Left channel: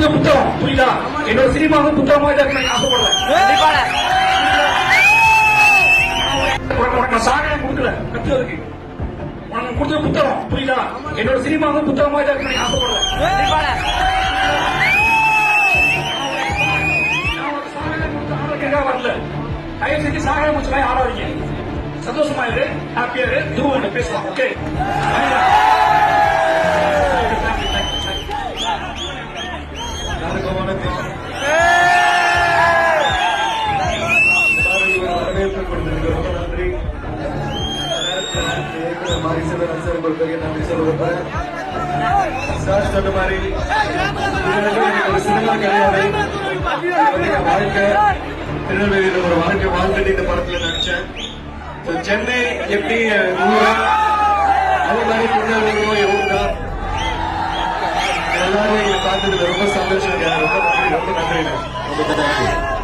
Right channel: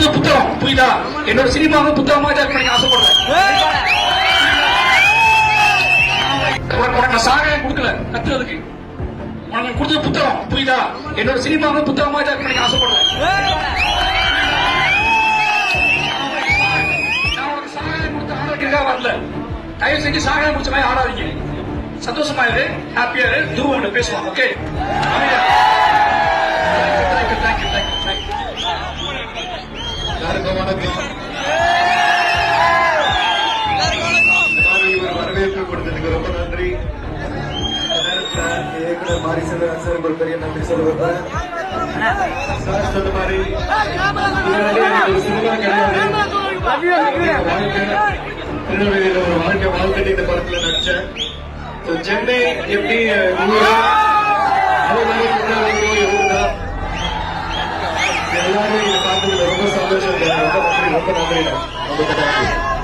கொடுத்த புத்தகம் புரியுதா? என்னோட சினிமாவும் புத்தகமாக எனக்கு ஆசைப்படுறேன். நான் சாக கொடுக்கல கத்துறதுக்கு. எனக்கு கொடுத்த புத்தகம் புரியுதா? என்னோட சினிமாவும் புத்தகமாக எனக்கு ஆசைப்படுறேன். வரல, தயவு செஞ்சு சாக முடிச்ச மாதிரி ஆடாதீங்க. சந்தோஷமா இரு, ஹாப்பியா இரு, துருவன் பேசலாம். ஓகே, வரவேற்பு கொடுத்ததுக்கு ரொம்ப நன்றி. பெரிய நன்றி சொல்ல போறேன். சார் சொன்ன மாதிரி ஒரு சினிமா கிடையாது, வாழ்க்கை திருநெல்வேலியில ஒரு வாழ்க்கை வாழ்ந்துட்டு இந்த படத்துல நடிச்சேன். சென்னை எப்படி ஊரோ அந்த மாதிரி திருநெல்வேலியோ இருக்கும். எல்லாரும் பார்த்தது ரொம்ப சந்தோஷம். ரொம்ப நன்றி.